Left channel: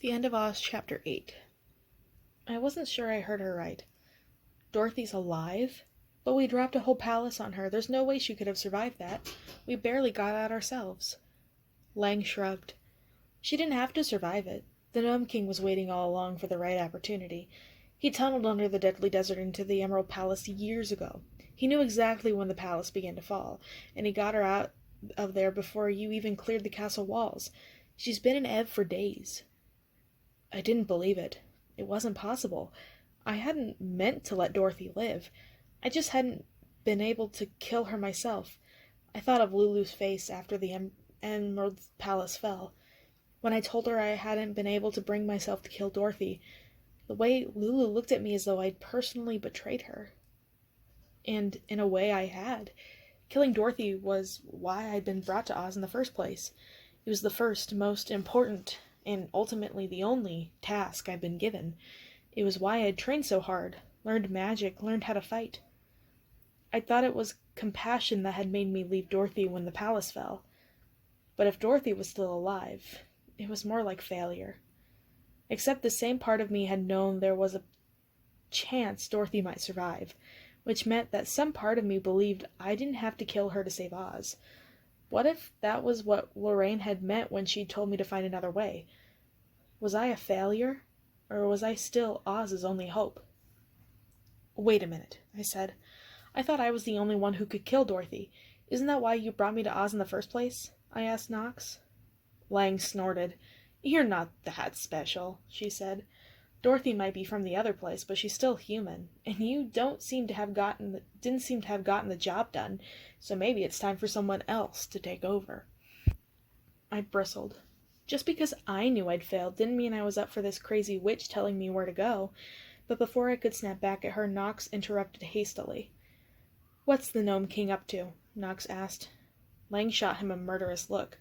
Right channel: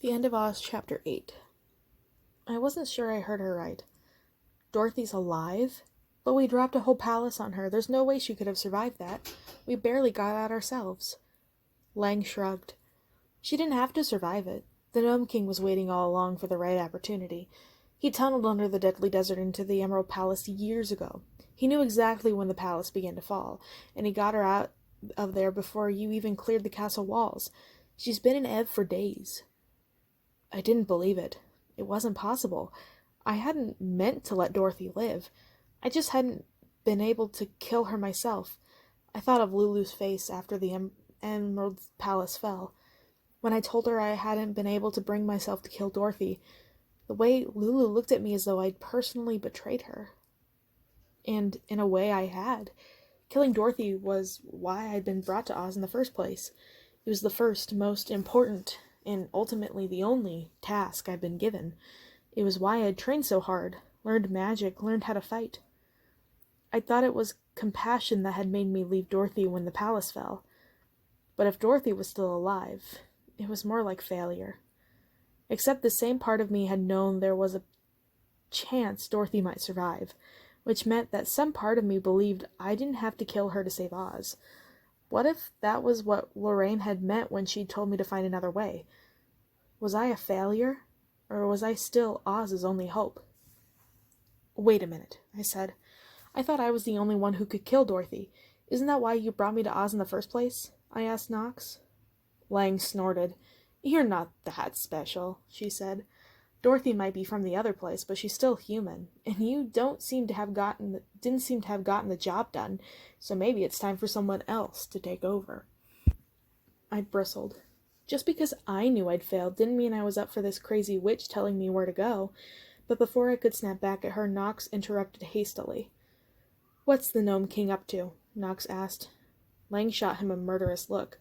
The end of Oz, Chapter 8. I wasn't sure I heard her right. Dorothy's alive? But we dropped a whole palace on her. There's no way she could have survived that. We barely got out ourselves. Lang shrugged. She didn't have to survive it. The Gnome King was waiting all along for the right opportunity. He tunneled under the deadly desert into the Emerald Palace years ago. He knew exactly when the palace began to fall, and he got her out of there before you even cleared the castle walls. She's been in Ev for days. I didn't believe it. It wasn't possible. I hadn't meant to let Dorothy live. I just hadn't been able to kill her myself. I thought of Lulu's face after the Emerald Palace fell. When I told her I hadn't been able to bring myself to kill Dorothy, the way Lulu looked at me as though I'd personally betrayed her. And in a way I had. Killing Dorothy was why I'd been brought to Oz in the first place. It was the first, most important, and ultimately the only task I'd been given. It was why I'd trained so hard, learned magic, learned how to fight. I thought it was compassion that had made me leave Dorothy when the palace fell. But if Dorothy was still alive, it was more like failure. Except the same part of me had known there was a chance Dorothy might survive, which meant that some part of me believed I didn't have to kill her to save Oz. What if that was what Lorraine had meant when she told me to find another way? Was I a failure? Or was I still Oz's only hope? Wait a minute, I said. I thought I was the only one who could kill Dorothy. Isn't that why you brought me to Oz in the first place? I asked Knox. Lang snorted. You're not that special, she said. Dorothy might be from the other place, but she's still human, and you didn't seem to have gotten the job done, so maybe it's time for someone else to take over. I bristled. Just because I knew I'd failed didn't mean I was up for this crazy witch telling me where to go, but before I could snap back at her, Knox interrupted hastily. What's the Gnome King up to? Knox asked. Lang shot him a murderous look,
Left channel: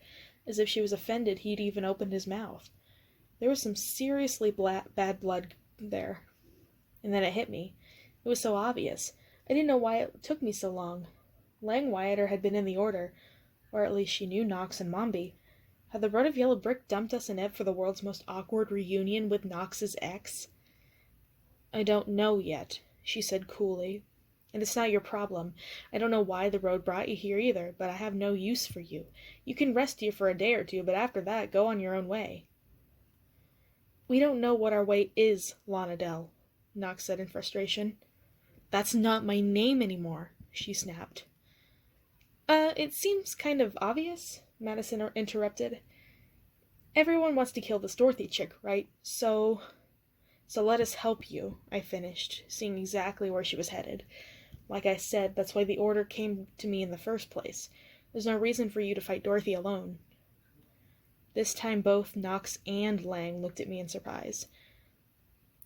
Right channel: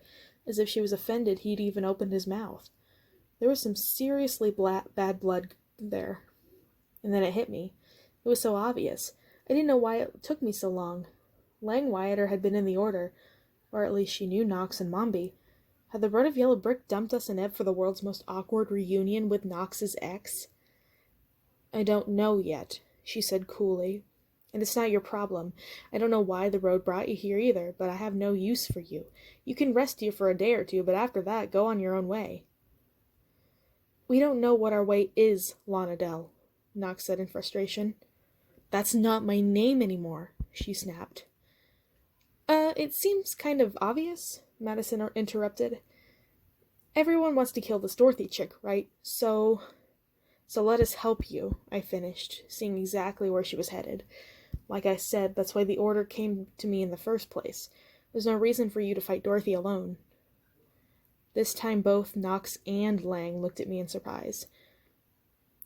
as if she was offended he'd even opened his mouth. There was some seriously bad blood there. And then it hit me. It was so obvious. I didn't know why it took me so long. Lang Wyatter had been in the Order, or at least she knew Knox and Mombi. Had the Road of Yellow Brick dumped us in Ev for the world's most awkward reunion with Knox's ex? I don't know yet, she said coolly. And it's not your problem. I don't know why the road brought you here either, but I have no use for you. You can rest here for a day or two, but after that, go on your own way. We don't know what our way is, Lana Dell, Knox said in frustration. That's not my name anymore, she snapped. It seems kind of obvious, Madison interrupted. Everyone wants to kill this Dorothy chick, right? So let us help you, I finished, seeing exactly where she was headed. Like I said, that's why the Order came to me in the first place. There's no reason for you to fight Dorothy alone. This time both Knox and Lang looked at me in surprise.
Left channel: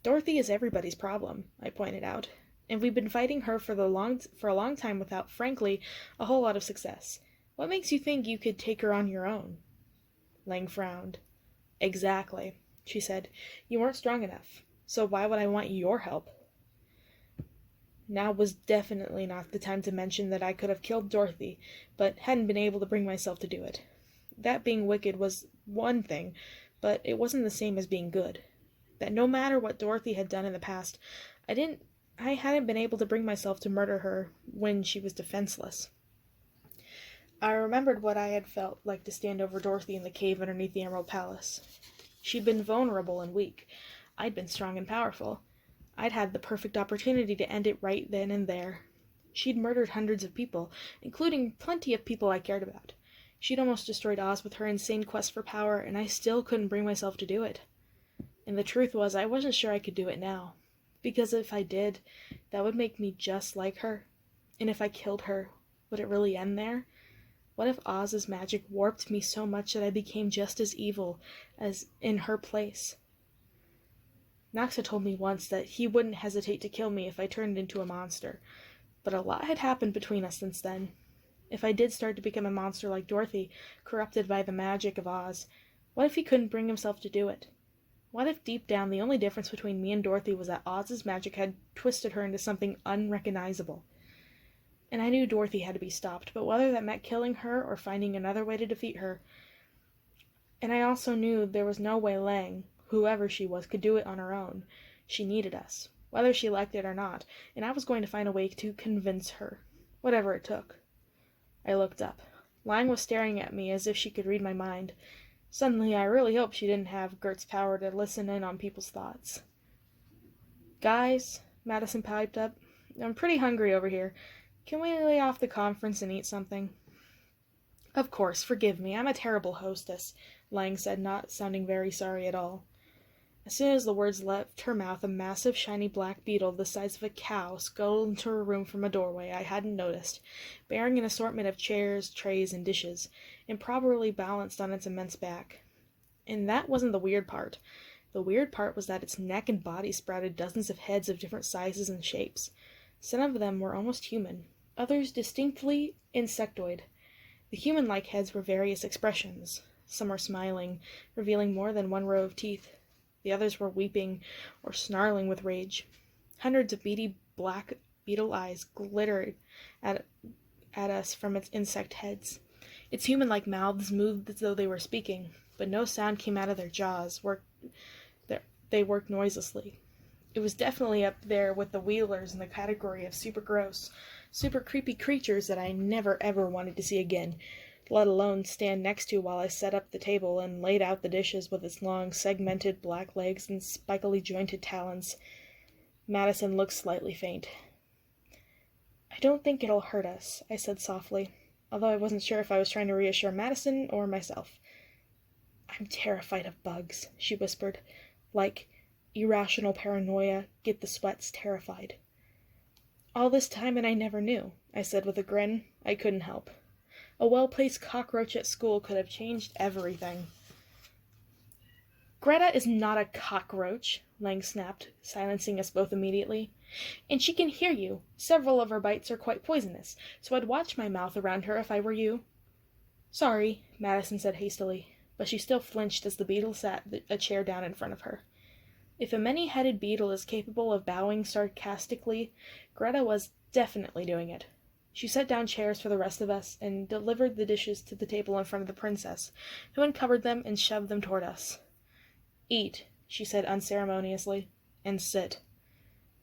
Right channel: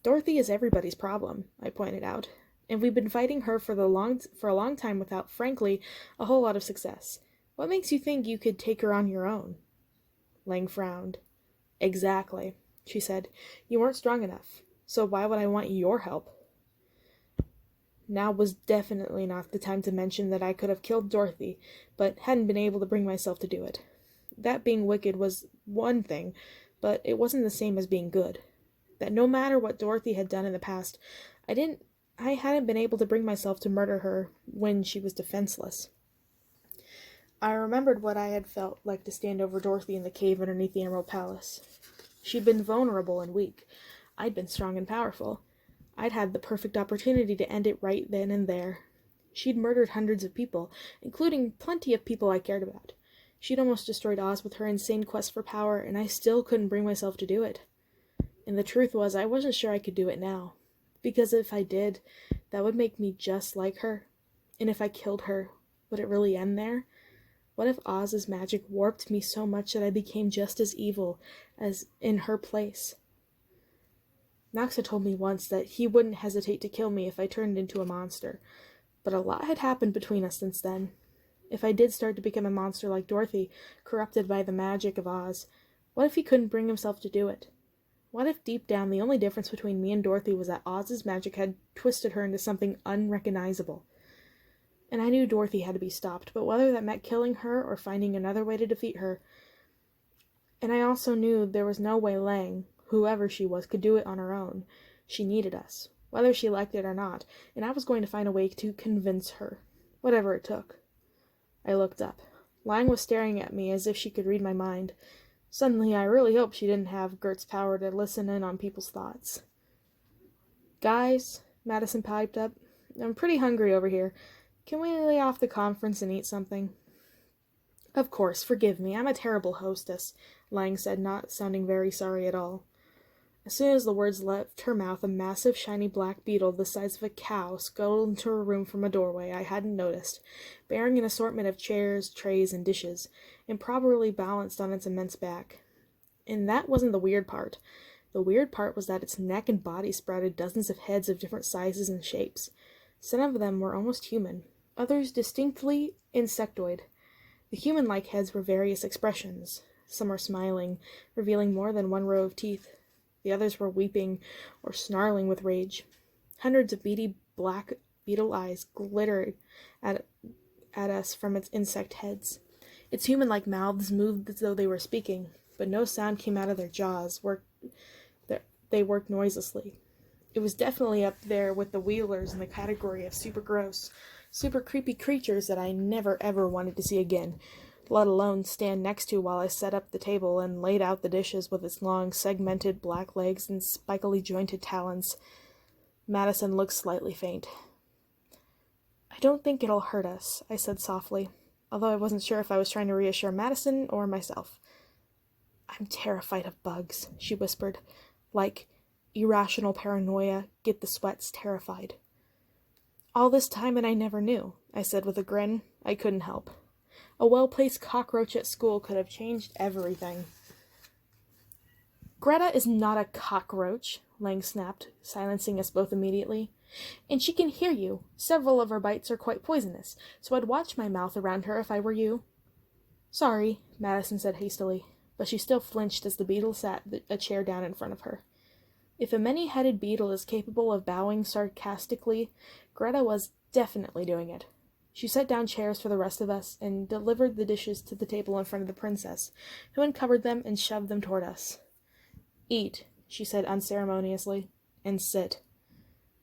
Dorothy is everybody's problem, I pointed out, and we've been fighting her for a long time without, frankly, a whole lot of success. What makes you think you could take her on your own? Lang frowned. Exactly, she said. You weren't strong enough, so why would I want your help? Now was definitely not the time to mention that I could have killed Dorothy, but hadn't been able to bring myself to do it. That being wicked was one thing, but it wasn't the same as being good. That no matter what Dorothy had done in the past, I hadn't been able to bring myself to murder her when she was defenseless. I remembered what I had felt like to stand over Dorothy in the cave underneath the Emerald Palace. She'd been vulnerable and weak. I'd been strong and powerful. I'd had the perfect opportunity to end it right then and there. She'd murdered hundreds of people, including plenty of people I cared about. She'd almost destroyed Oz with her insane quest for power, and I still couldn't bring myself to do it. And the truth was, I wasn't sure I could do it now. Because if I did, that would make me just like her. And if I killed her, would it really end there? What if Oz's magic warped me so much that I became just as evil as in her place? Knox had told me once that he wouldn't hesitate to kill me if I turned into a monster. But a lot had happened between us since then. If I did start to become a monster like Dorothy, corrupted by the magic of Oz, what if he couldn't bring himself to do it? What if deep down the only difference between me and Dorothy was that Oz's magic had twisted her into something unrecognizable? And I knew Dorothy had to be stopped, but whether that meant killing her or finding another way to defeat her. And I also knew there was no way Lang, whoever she was could do it on her own. She needed us, whether she liked it or not, and I was going to find a way to convince her, whatever it took. I looked up. Lang was staring at me as if she could read my mind. Suddenly, I really hoped she didn't have Gert's power to listen in on people's thoughts. "Guys," Madison piped up, "I'm pretty hungry over here. Can we lay off the conference and eat something?" "Of course, forgive me. I'm a terrible hostess," Lang said, not sounding very sorry at all. As soon as the words left her mouth, a massive, shiny black beetle the size of a cow scuttled into her room from a doorway I hadn't noticed, bearing an assortment of chairs, trays, and dishes, improperly balanced on its immense back. And that wasn't the weird part. The weird part was that its neck and body sprouted dozens of heads of different sizes and shapes. Some of them were almost human, others distinctly insectoid. The human-like heads were various expressions. Some were smiling, revealing more than one row of teeth. The others were weeping or snarling with rage. Hundreds of beady black beetle eyes glittered at us from its insect heads. Its human-like mouths moved as though they were speaking, but no sound came out of their jaws. They worked noiselessly. It was definitely up there with the Wheelers in the category of super gross, super creepy creatures that I never ever wanted to see again, let alone stand next to while I set up the table and laid out the dishes with its long, segmented black legs and spikily jointed talons. Madison looked slightly faint. "I don't think it'll hurt us," I said softly, although I wasn't sure if I was trying to reassure Madison or myself. "I'm terrified of bugs," she whispered, like irrational paranoia, get the sweats terrified. "All this time and I never knew," I said with a grin. I couldn't help. A well-placed cockroach at school could have changed everything. "Greta is not a cockroach," Lang snapped, silencing us both immediately. "And she can hear you. Several of her bites are quite poisonous, so I'd watch my mouth around her if I were you." "Sorry," Madison said hastily, but she still flinched as the beetle sat a chair down in front of her. If a many-headed beetle is capable of bowing sarcastically, Greta was definitely doing it. She set down chairs for the rest of us and delivered the dishes to the table in front of the princess, who uncovered them and shoved them toward us. "Eat," she said unceremoniously, "and sit."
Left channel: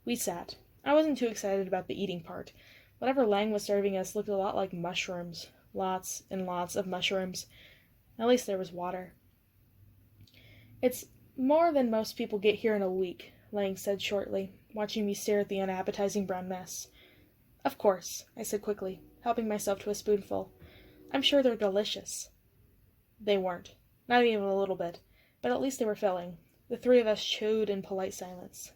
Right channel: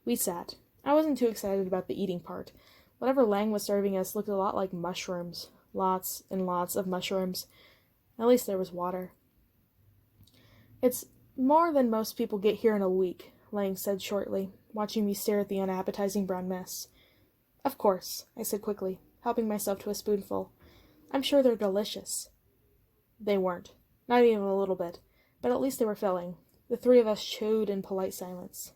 We sat. I wasn't too excited about the eating part. Whatever Lang was serving us looked a lot like mushrooms. Lots and lots of mushrooms. At least there was water. "It's more than most people get here in a week," Lang said shortly, watching me stare at the unappetizing brown mess. "Of course," I said quickly, helping myself to a spoonful. "I'm sure they're delicious." They weren't. Not even a little bit. But at least they were filling. The three of us chewed in polite silence.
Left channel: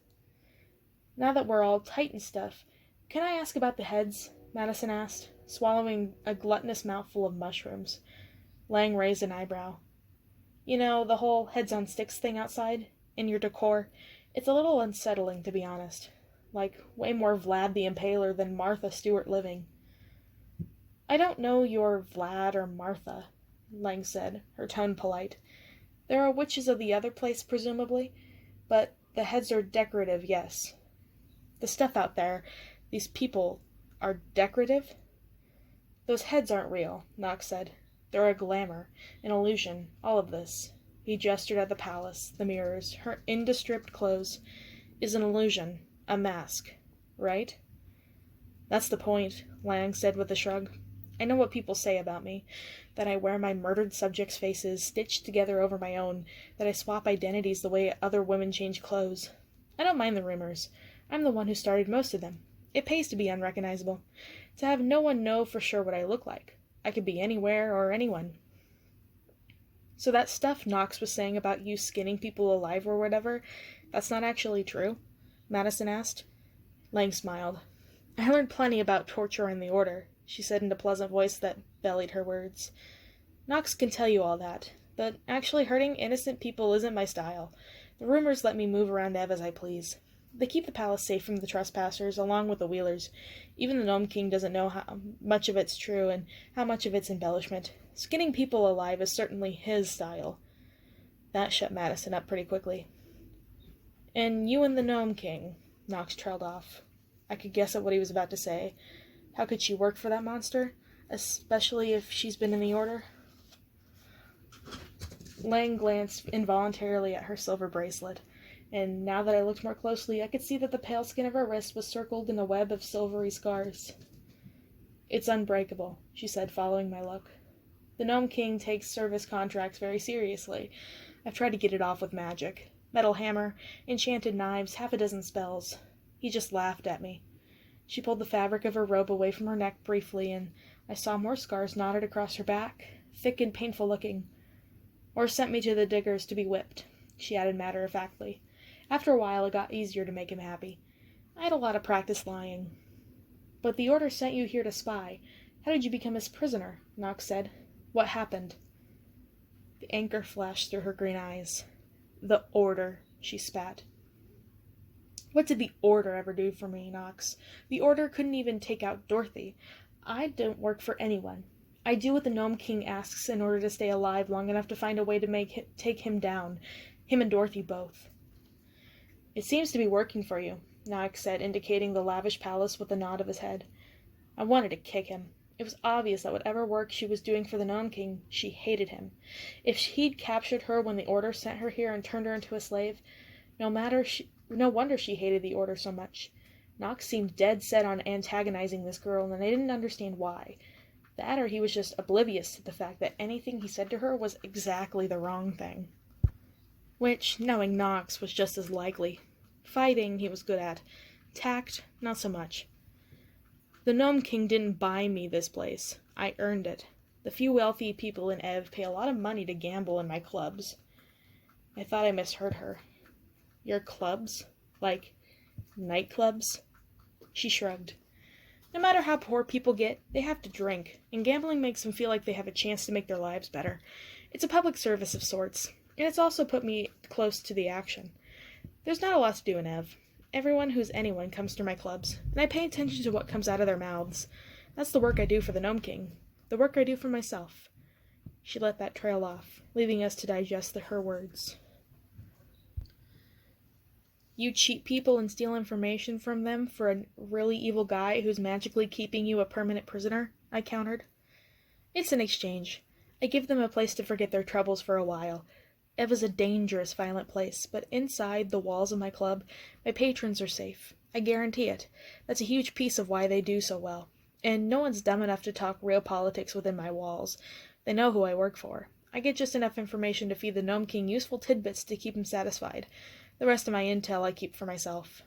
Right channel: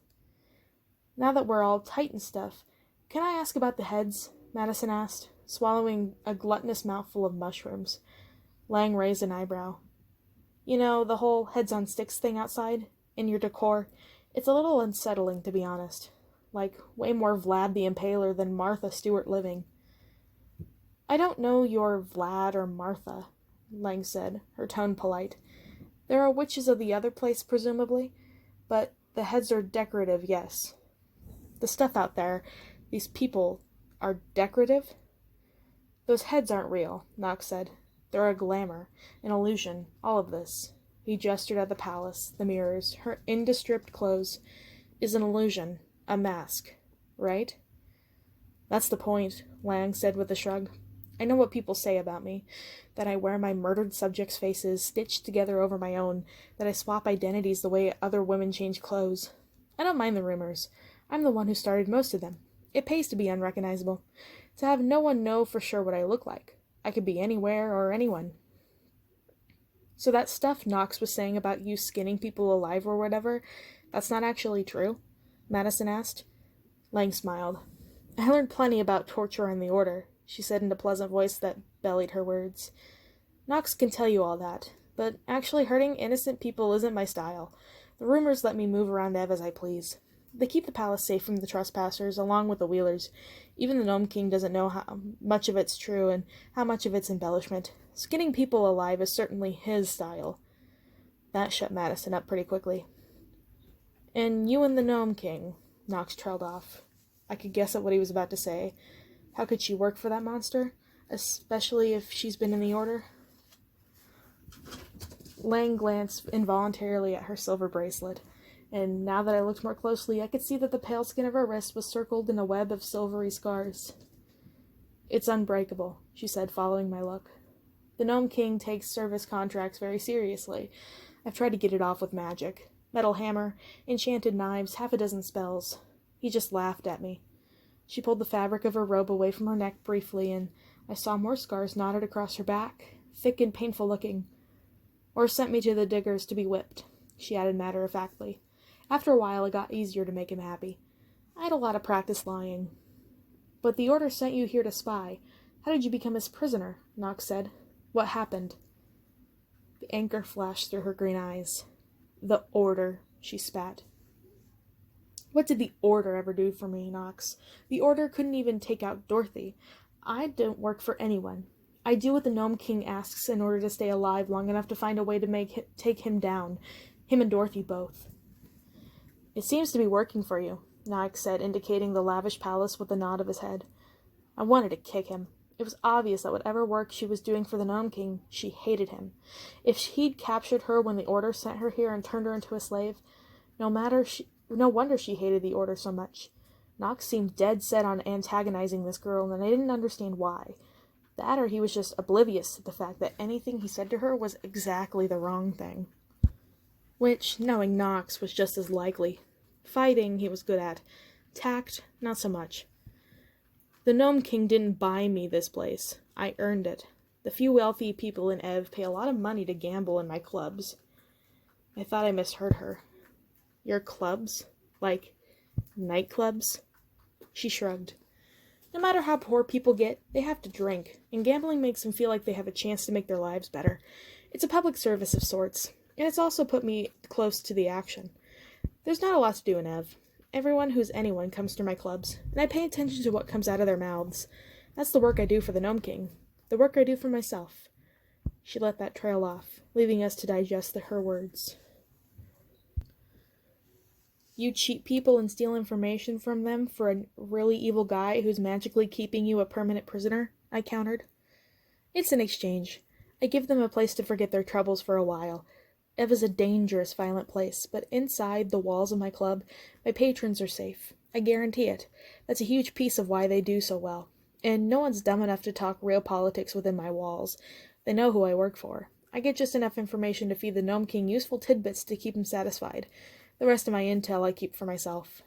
"Now that we're all tight and stuff, can I ask about the heads?" Madison asked, swallowing a gluttonous mouthful of mushrooms. Lang raised an eyebrow. "You know, the whole heads-on-sticks thing outside? In your decor? It's a little unsettling, to be honest. Like, way more Vlad the Impaler than Martha Stewart living." "I don't know your Vlad or Martha," Lang said, her tone polite. "There are witches of the other place, presumably, but the heads are decorative, yes." "The stuff out there, these people, are decorative?" "Those heads aren't real," Knox said. "They're a glamour, an illusion, all of this." He gestured at the palace, the mirrors, her indescript clothes. "Is an illusion. A mask. Right?" "That's the point," Lang said with a shrug. "I know what people say about me. That I wear my murdered subjects' faces stitched together over my own. That I swap identities the way other women change clothes. I don't mind the rumors. I'm the one who started most of them. It pays to be unrecognizable. To have no one know for sure what I look like. I could be anywhere or anyone." "So that stuff Knox was saying about you skinning people alive or whatever, that's not actually true?" Madison asked. Lang smiled. "I learned plenty about torture in the Order," she said in a pleasant voice that bellied her words. "Knox can tell you all that, but actually hurting innocent people isn't my style. The rumors let me move around Ev as I please. They keep the palace safe from the trespassers, along with the Wheelers. Even the Gnome King doesn't know how much of it's true and how much of it's embellishment. Skinning people alive is certainly his style." That shut Madison up pretty quickly. "And you and the Gnome King," Knox trailed off. I could guess at what he was about to say. How could she work for that monster? Especially if she's been in the Order? Lang glanced involuntarily at her silver bracelet, and now that I looked more closely, I could see that the pale skin of her wrist was circled in a web of silvery scars. "It's unbreakable," she said, following my look. "The Gnome King takes service contracts very seriously. I've tried to get it off with magic. Metal hammer, enchanted knives, half a dozen spells. He just laughed at me." She pulled the fabric of her robe away from her neck briefly, and I saw more scars knotted across her back, thick and painful looking. "Or sent me to the diggers to be whipped," she added matter-of-factly. "After a while it got easier to make him happy. I had a lot of practice lying." "But the Order sent you here to spy. How did you become his prisoner?" Nox said. "What happened?" The anger flashed through her green eyes. "The Order," she spat. "What did the Order ever do for me, Nox? The Order couldn't even take out Dorothy. I don't work for anyone. I do what the Gnome King asks in order to stay alive long enough to find a way to take him down. Him and Dorothy both." "It seems to be working for you," Nox said, indicating the lavish palace with a nod of his head. I wanted to kick him. It was obvious that whatever work she was doing for the Gnome King, she hated him. If he'd captured her when the Order sent her here and turned her into a slave, no wonder she hated the Order so much. Nox seemed dead set on antagonizing this girl, and I didn't understand why. That or he was just oblivious to the fact that anything he said to her was exactly the wrong thing. Which, knowing Nox, was just as likely. Fighting, he was good at. Tact, not so much. The Gnome King didn't buy me this place. I earned it. The few wealthy people in Ev pay a lot of money to gamble in my clubs. I thought I misheard her. "Your clubs? Like, nightclubs?" She shrugged. "No matter how poor people get, they have to drink, and gambling makes them feel like they have a chance to make their lives better. It's a public service of sorts, and it's also put me close to the action. There's not a lot to do in Ev. Everyone who's anyone comes to my clubs, and I pay attention to what comes out of their mouths. That's the work I do for the Gnome King. The work I do for myself." She let that trail off, leaving us to digest her words. "You cheat people and steal information from them for a really evil guy who's magically keeping you a permanent prisoner?" I countered. "It's an exchange. I give them a place to forget their troubles for a while. Ev is a dangerous, violent place, but inside the walls of my club, my patrons are safe. I guarantee it. That's a huge piece of why they do so well. And no one's dumb enough to talk real politics within my walls. They know who I work for. I get just enough information to feed the Gnome King useful tidbits to keep him satisfied. The rest of my intel I keep for myself."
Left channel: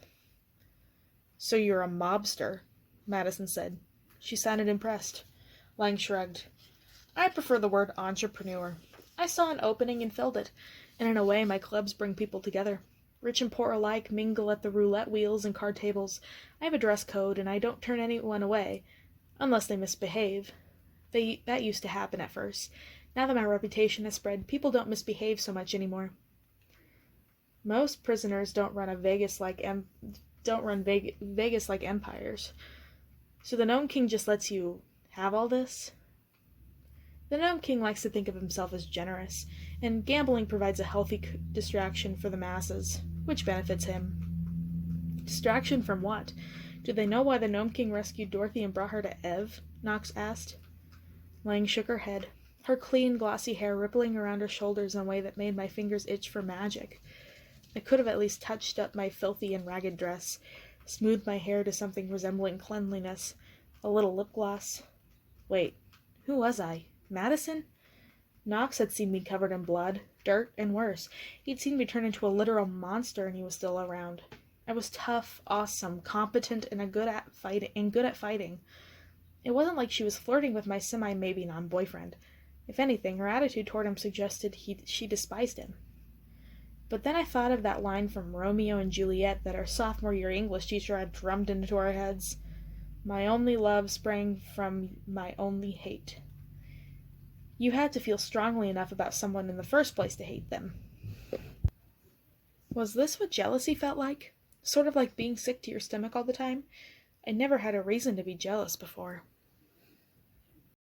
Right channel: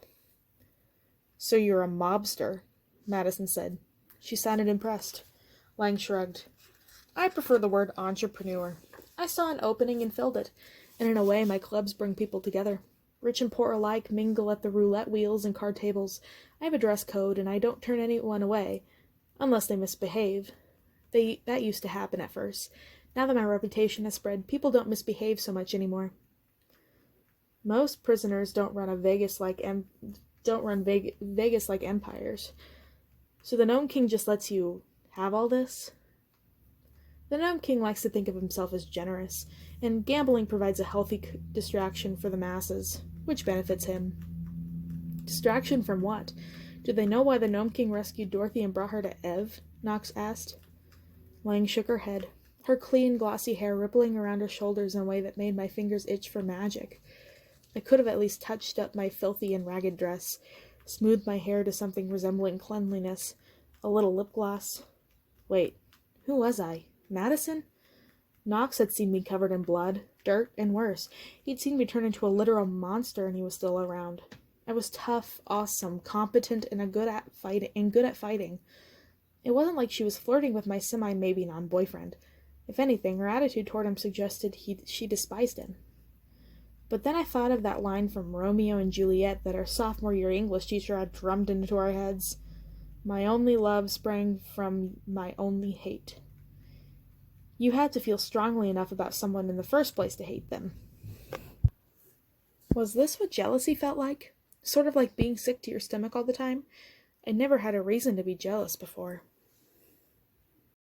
"So you're a mobster," Madison said. She sounded impressed. Lang shrugged. "I prefer the word entrepreneur. I saw an opening and filled it, and in a way my clubs bring people together. Rich and poor alike mingle at the roulette wheels and card tables. I have a dress code, and I don't turn anyone away, unless they misbehave. That used to happen at first. Now that my reputation has spread, people don't misbehave so much anymore." "Most prisoners don't run Vegas like empires. So the Gnome King just lets you have all this?" "The Gnome King likes to think of himself as generous, and gambling provides a healthy distraction for the masses, which benefits him." "Distraction from what? Do they know why the Gnome King rescued Dorothy and brought her to Ev?" Nox asked. Lang shook her head, her clean, glossy hair rippling around her shoulders in a way that made my fingers itch for magic. I could have at least touched up my filthy and ragged dress, smoothed my hair to something resembling cleanliness, a little lip gloss. Wait, who was I? Madison? Nox had seen me covered in blood, dirt, and worse. He'd seen me turn into a literal monster, and he was still around. I was tough, awesome, competent, and good at fighting. It wasn't like she was flirting with my semi-maybe non-boyfriend. If anything, her attitude toward him suggested she despised him. But then I thought of that line from Romeo and Juliet that our sophomore year English teacher had drummed into our heads. "My only love sprang from my only hate." You had to feel strongly enough about someone in the first place to hate them. Was this what jealousy felt like? Sort of like being sick to your stomach all the time? I never had a reason to be jealous before.